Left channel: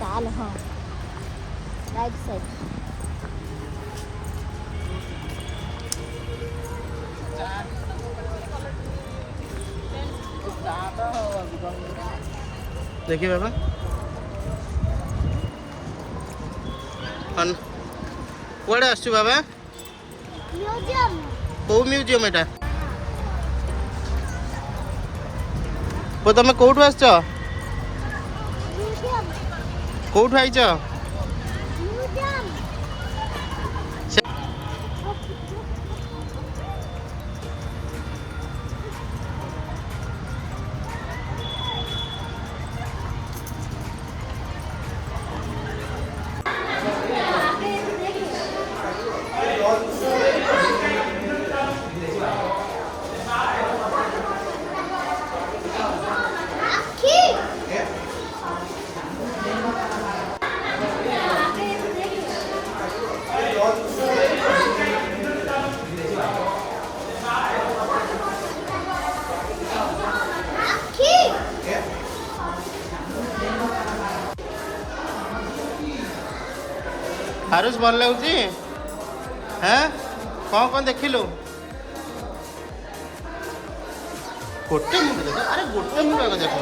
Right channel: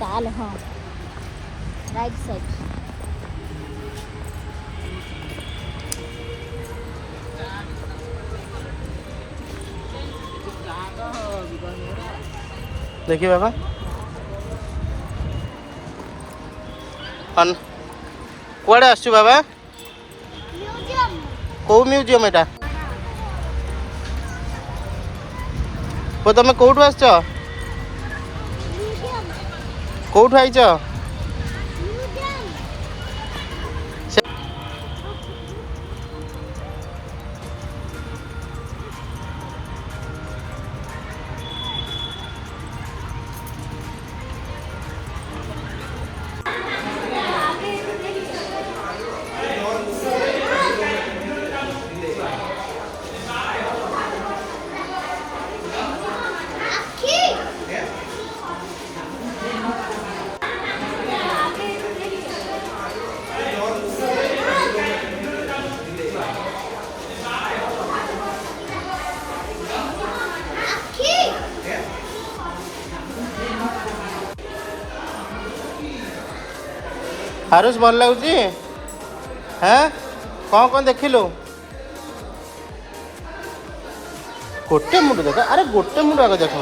चाल हाँ right side देखिए बाबा कुआड़े आसु बाबा म्यूजियम कौ म्यूजियम एटा वो तुम कौटू आस म्यूजियम कौटू आईच म्यूजियम हारुष भल लगुच हाँ कौन देखिलु गोटे मुंड देख अरे गोटे मुंड आगे देख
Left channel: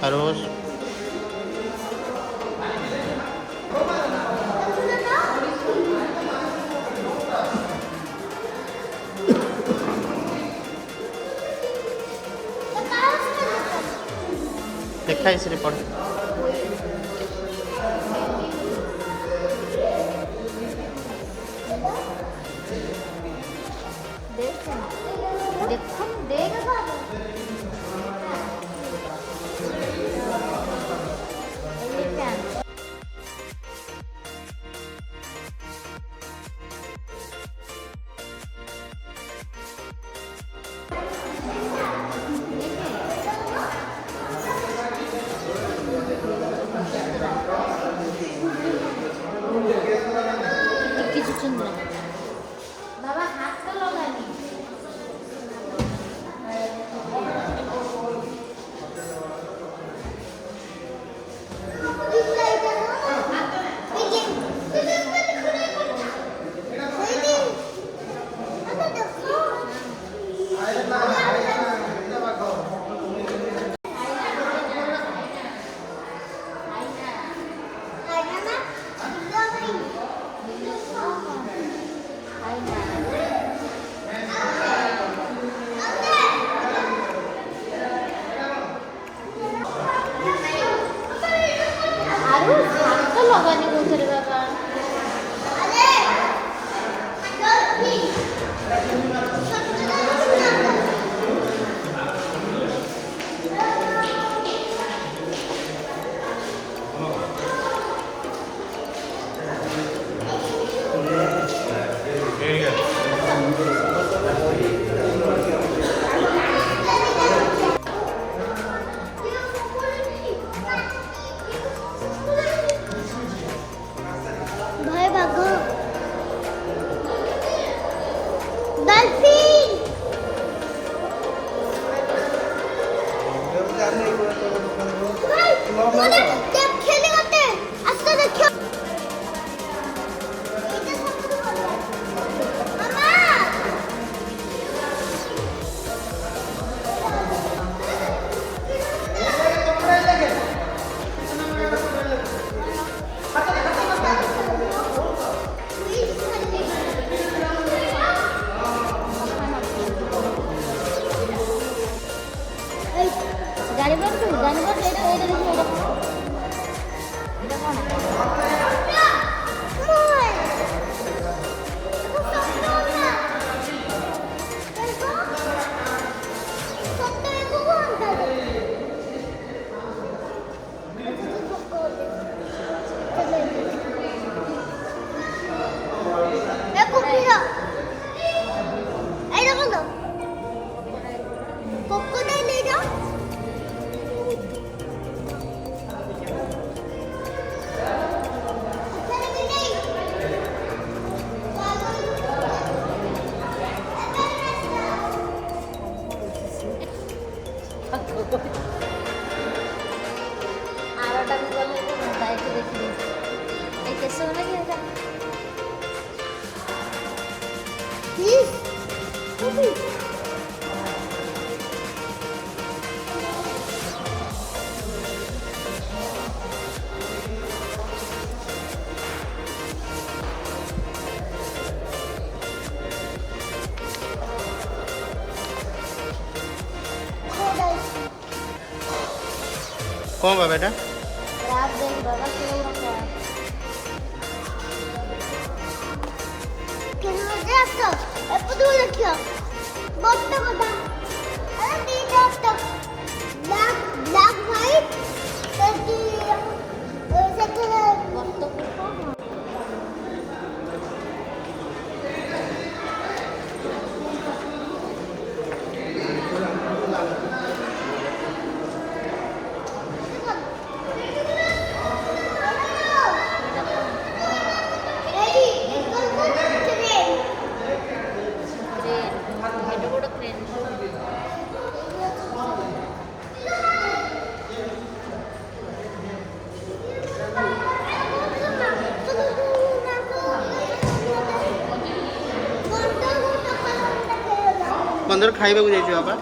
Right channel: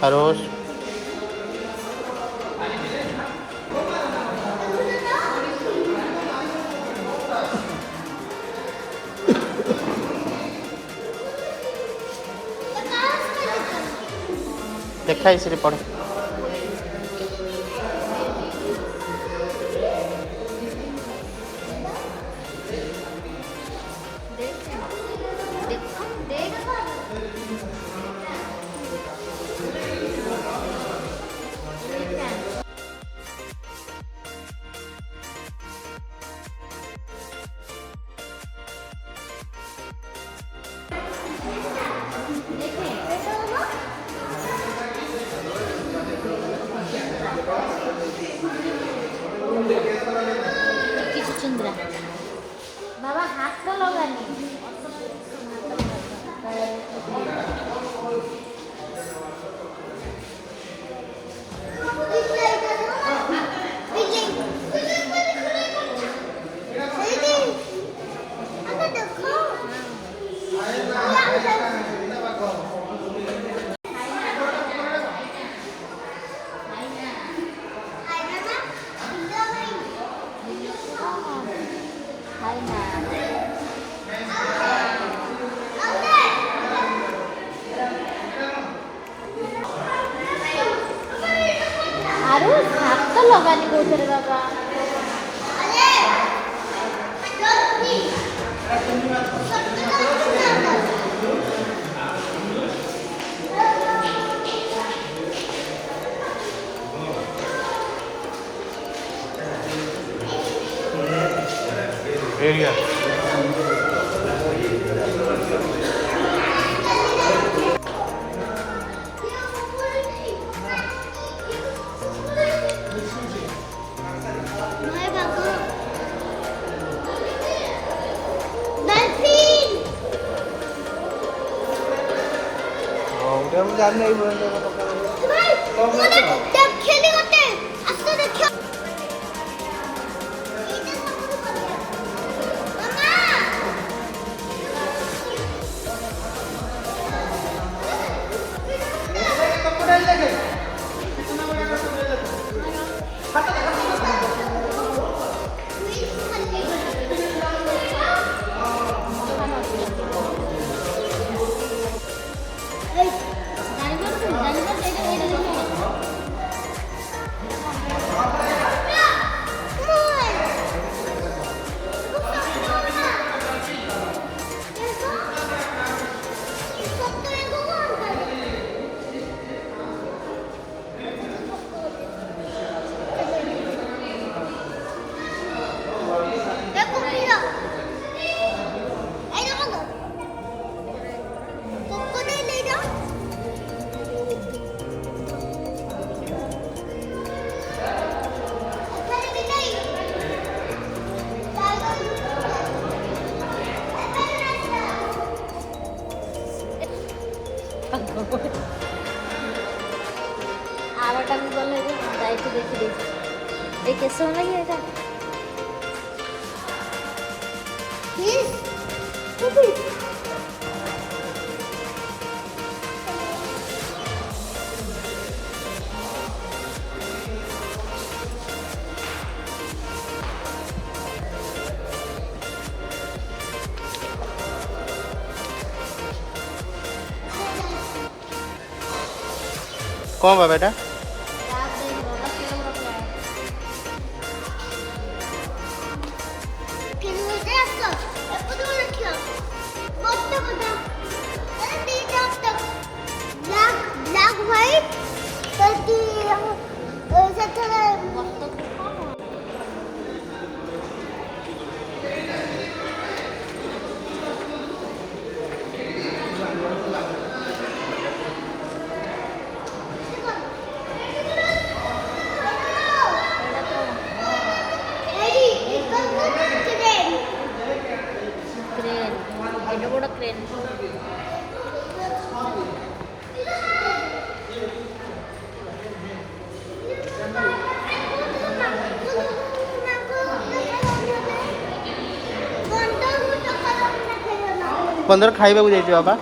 हारुष देखा इसे पढ़ चुंदरा बाबा हाथ को लगानी गाड़ी कौन बा बेटा? बंदर खाइबा को जाइए बाबा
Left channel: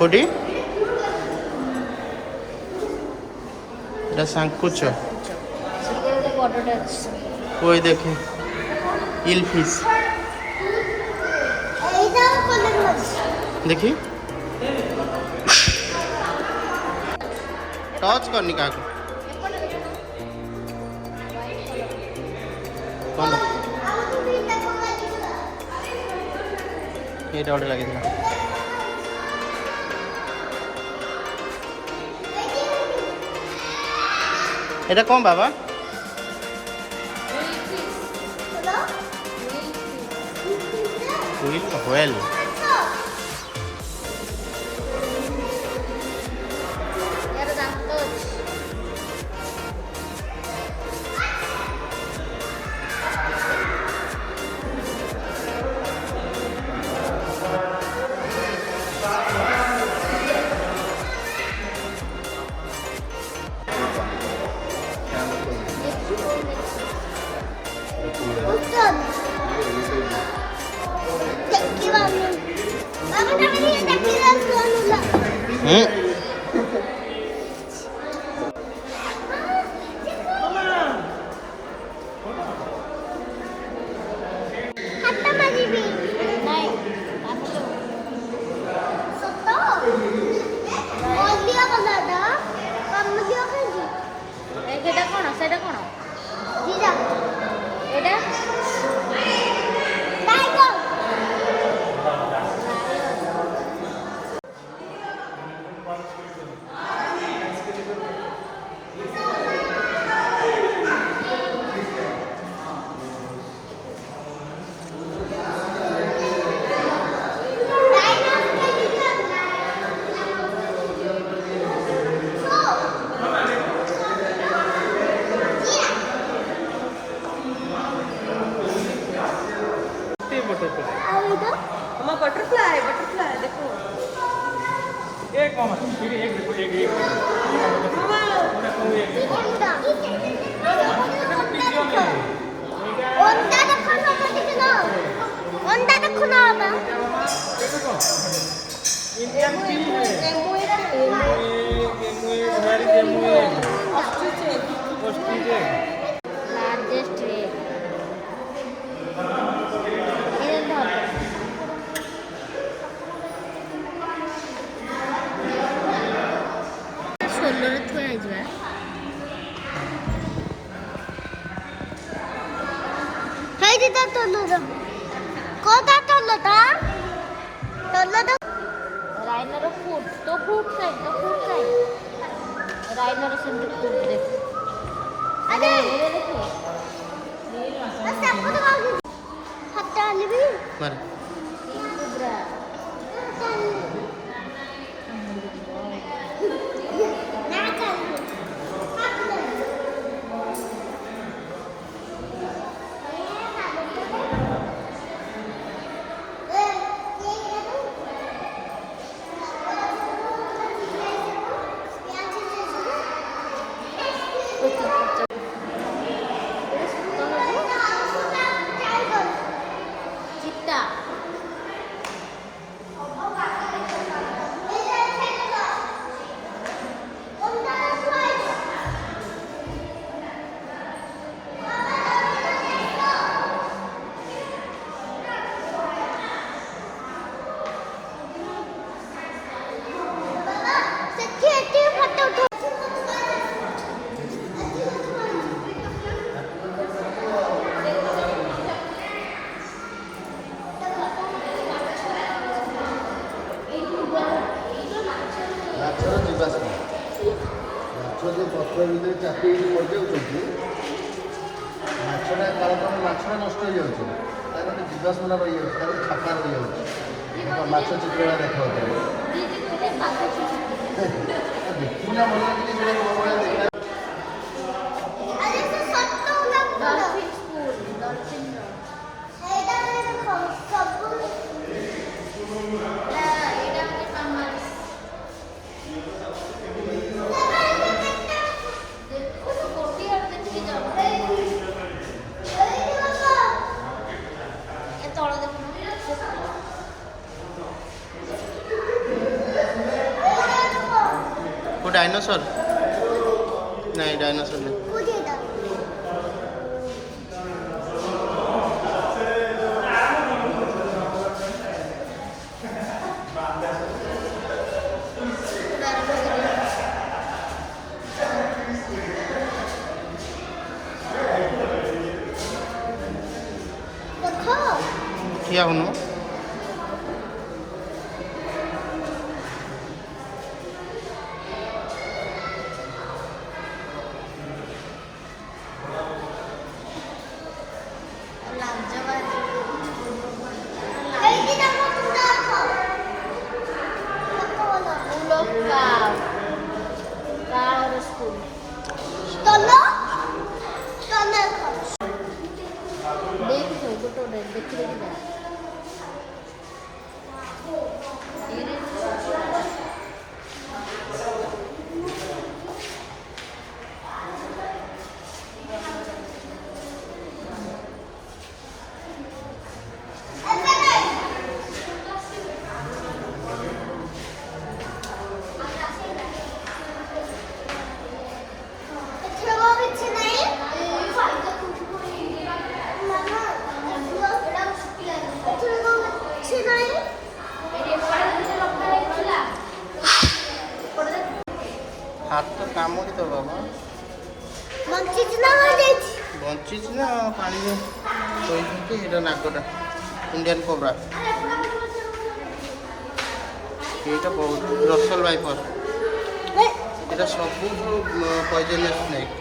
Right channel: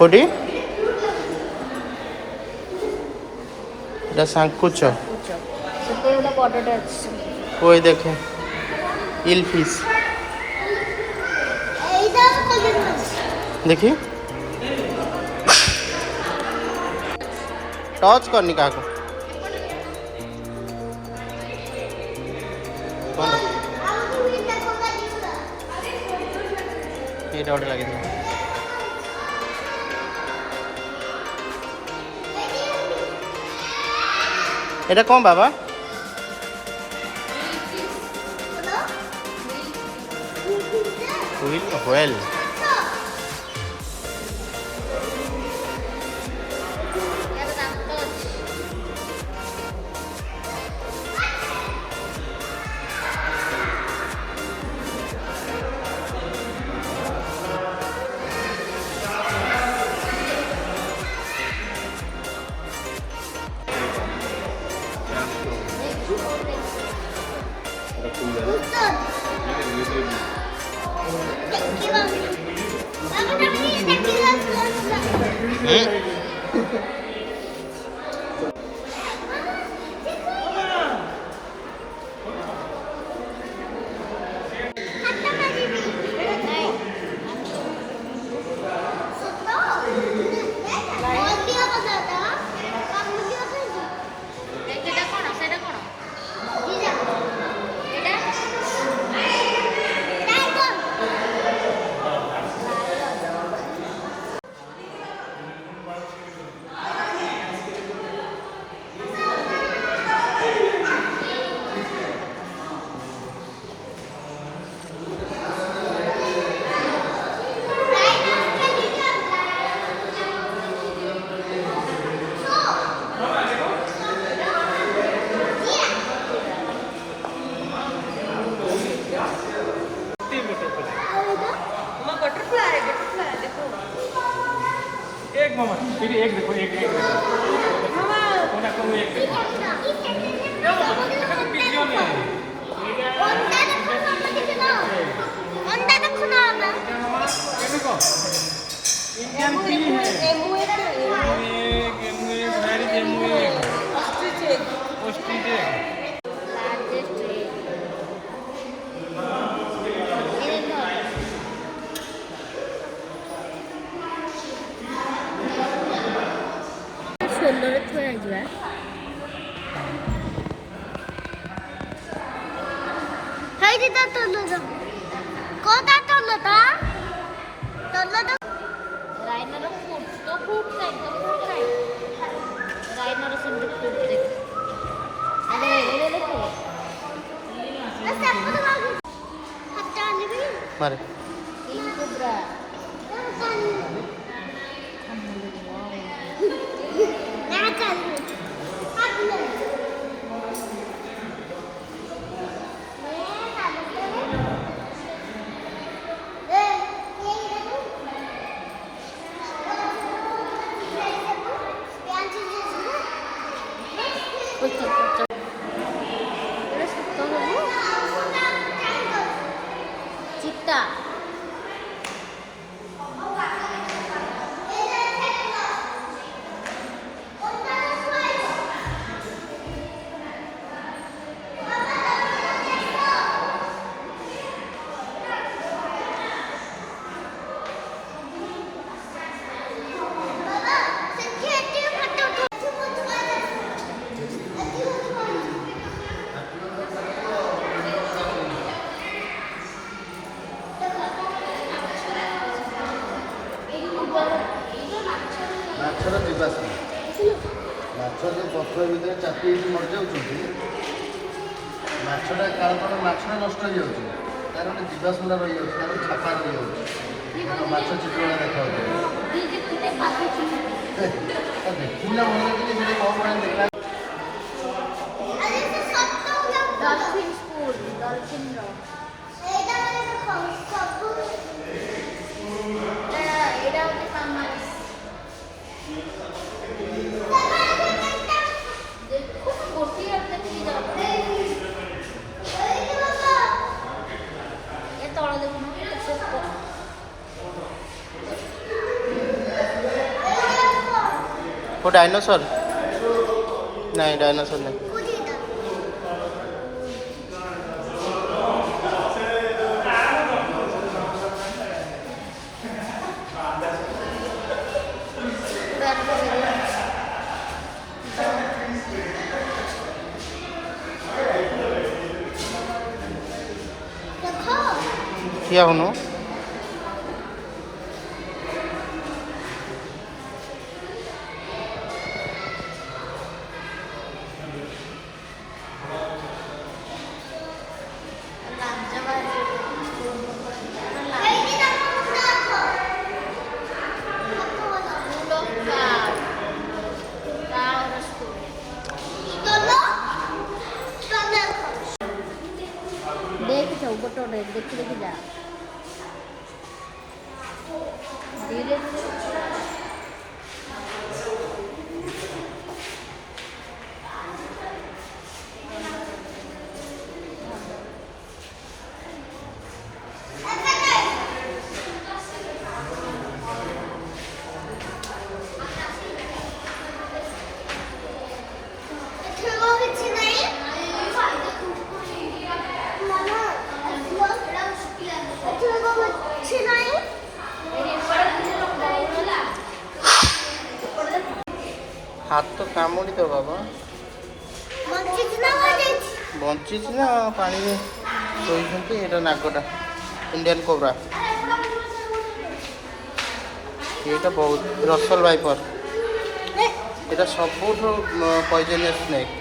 कोडी এটা সাঙ্কুচ ওই দেখে ইল ফিশ देखी टच करनी क्या को कौन ये डॉट लगी था এটা কম বাবা উইল হোয়েল कम है फिर एक देखो एक एक कोना को एक देखो पिजियो में 온다 देखो 온다 देखो ना देखो इंडियन टीम है वेरी जेमुए ऑस्ट्रिच लार्जेस्ट एग ଷୋଲରେ ଥୁଆ ଯିବା ସେଇଠି ତା ତଲୁ କୋଟା ତଲୁ ତା ତଲୁ ତ ରାଇନର ଫୁଟ୍ ତ ଫୁଟ୍ ଖାଇ ରାଇନର ସେମିତି ଫୁଟ୍ ଦେଖ ଆରେ ଏରେ ଦେଖ ଆ ସାପ ତ ବାଗୁ ହାତ ଆଣିବି मारे କୁବ୍ରା ନା ଚାଲି କାଟିଲେ चित्ता ମାଛର ଜୀବାଶ୍ମ ମାଛ ଯେଉଁ ପଥର ଭିତରେ ଚାପି ହେଇକି ମରିଯାଉଛନ୍ତି ମାଛଟା କାରଣ ମାଛ ନଷ୍ଟ ହେଇଯାଉଛି ତାର ଗୋଟେ ଜୀବାଶ୍ମଟା ରହିଯାଉଛି ତାର ଛାପା ରହିଯାଉଛି ମାଛ ଚିତ୍ରଟା ଦେଖାଯାଉଛି ଦେଖିନା ମନେ କିଛି ଗୋଟେ କ'ଣ ଭଳିଆ ଦେଖିଲା वो डायनासोर नहीं डायनासोर नहीं क्या होनो देख फोटो देख जा हाथ तो कामुड़ी तो बाबा बंची ना पानी में शोते ये नागटा इंडियन कोबरा ये बहुत रसल वाइपर ये सब पॉइजनस स्नेक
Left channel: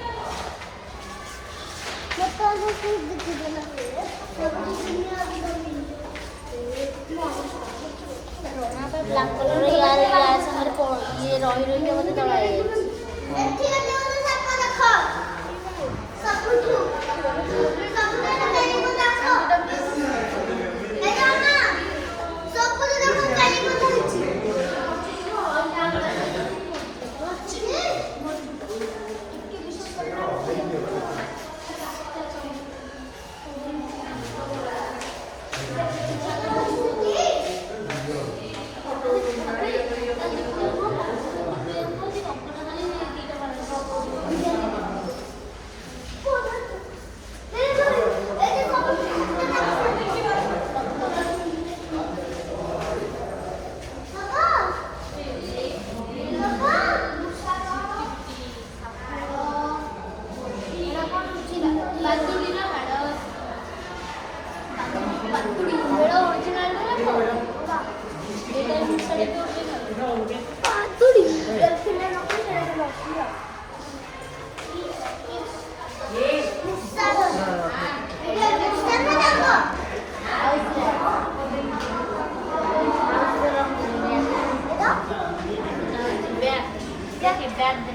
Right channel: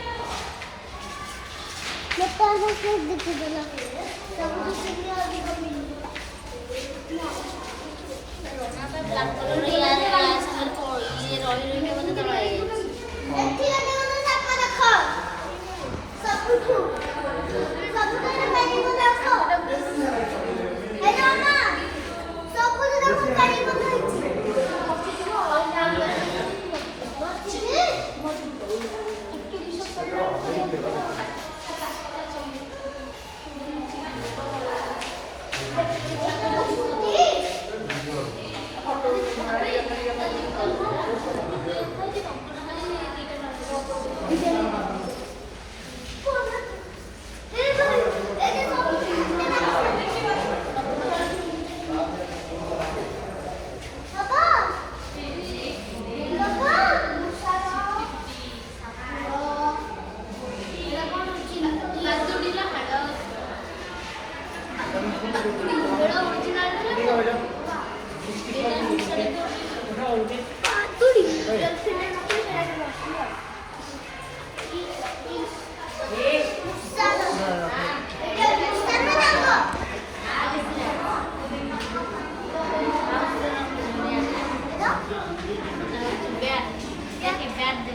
দেখি ব্যাগ দে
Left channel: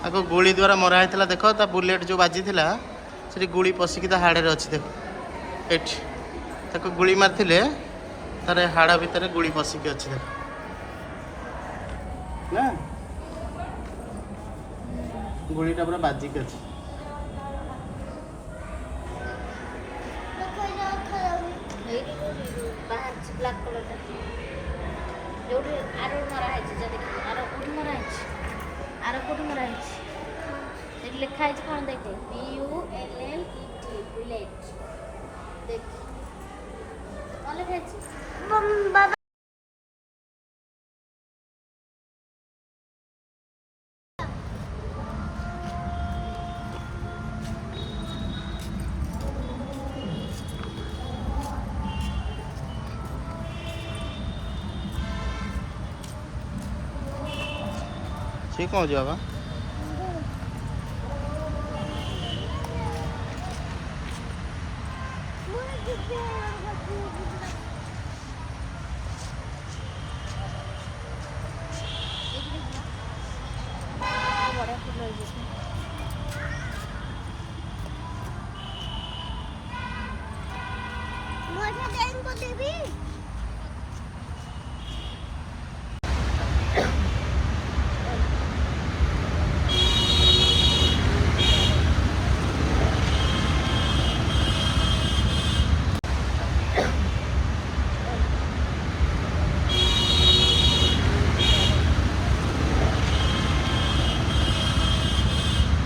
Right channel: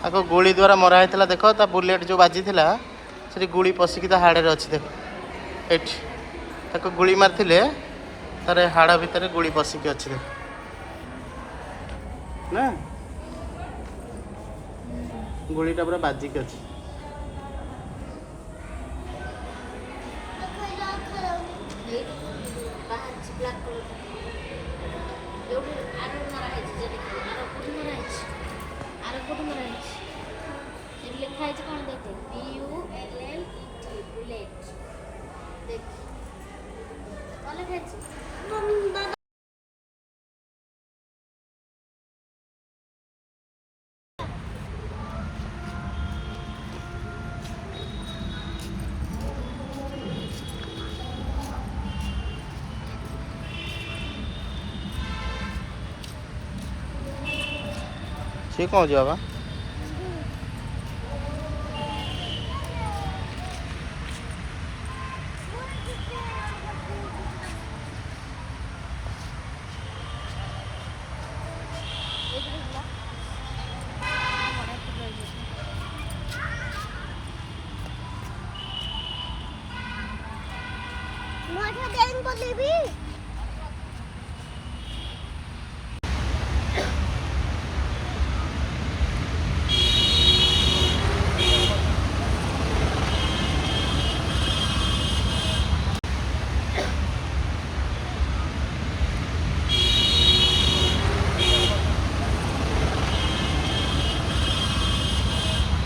ଆଗ ଗୁଳି ଦ୍ୱାରା ମରା ହେଇଥିଲା ଦେଖ ତା ବୁଲେଟ୍ ଯେଉଁ ବାଜିଥିଲା ସେଠି ଗୁଳି ପଶିକି ତା ହାଡ଼ରେ ଅଛି ଦେଖ ଏଠି ତାକୁ ଗୁଳି ମାରିଥିଲେ ତାର ହାଡ଼ ଭିତରେ ଗୁଳି ପଶିକି ଅଛି ଦେଖ ନା ଗୁଳିଟା ପୁରା ବାଜିକି ଅଛି ବ୍ଲାକ୍ କଲର୍ଟା ଯୋଉଠି ଆର ମରା ହେଇଛି ଯଦି ଆର କୋଉଠି ମରା ହେଇଛି ଆର କୋଉଠି ମରା ହେଇଛି ସେଠି ଲେଖା ହେଇଛି କ'ଣ ଦେଖେ BULLET ବୁଲେଟ୍ ଦେଖ କ'ଣ ଲେଖା ହେଇଛି ବାବା ସେ କ'ଣ ହେଉଛି ବାବା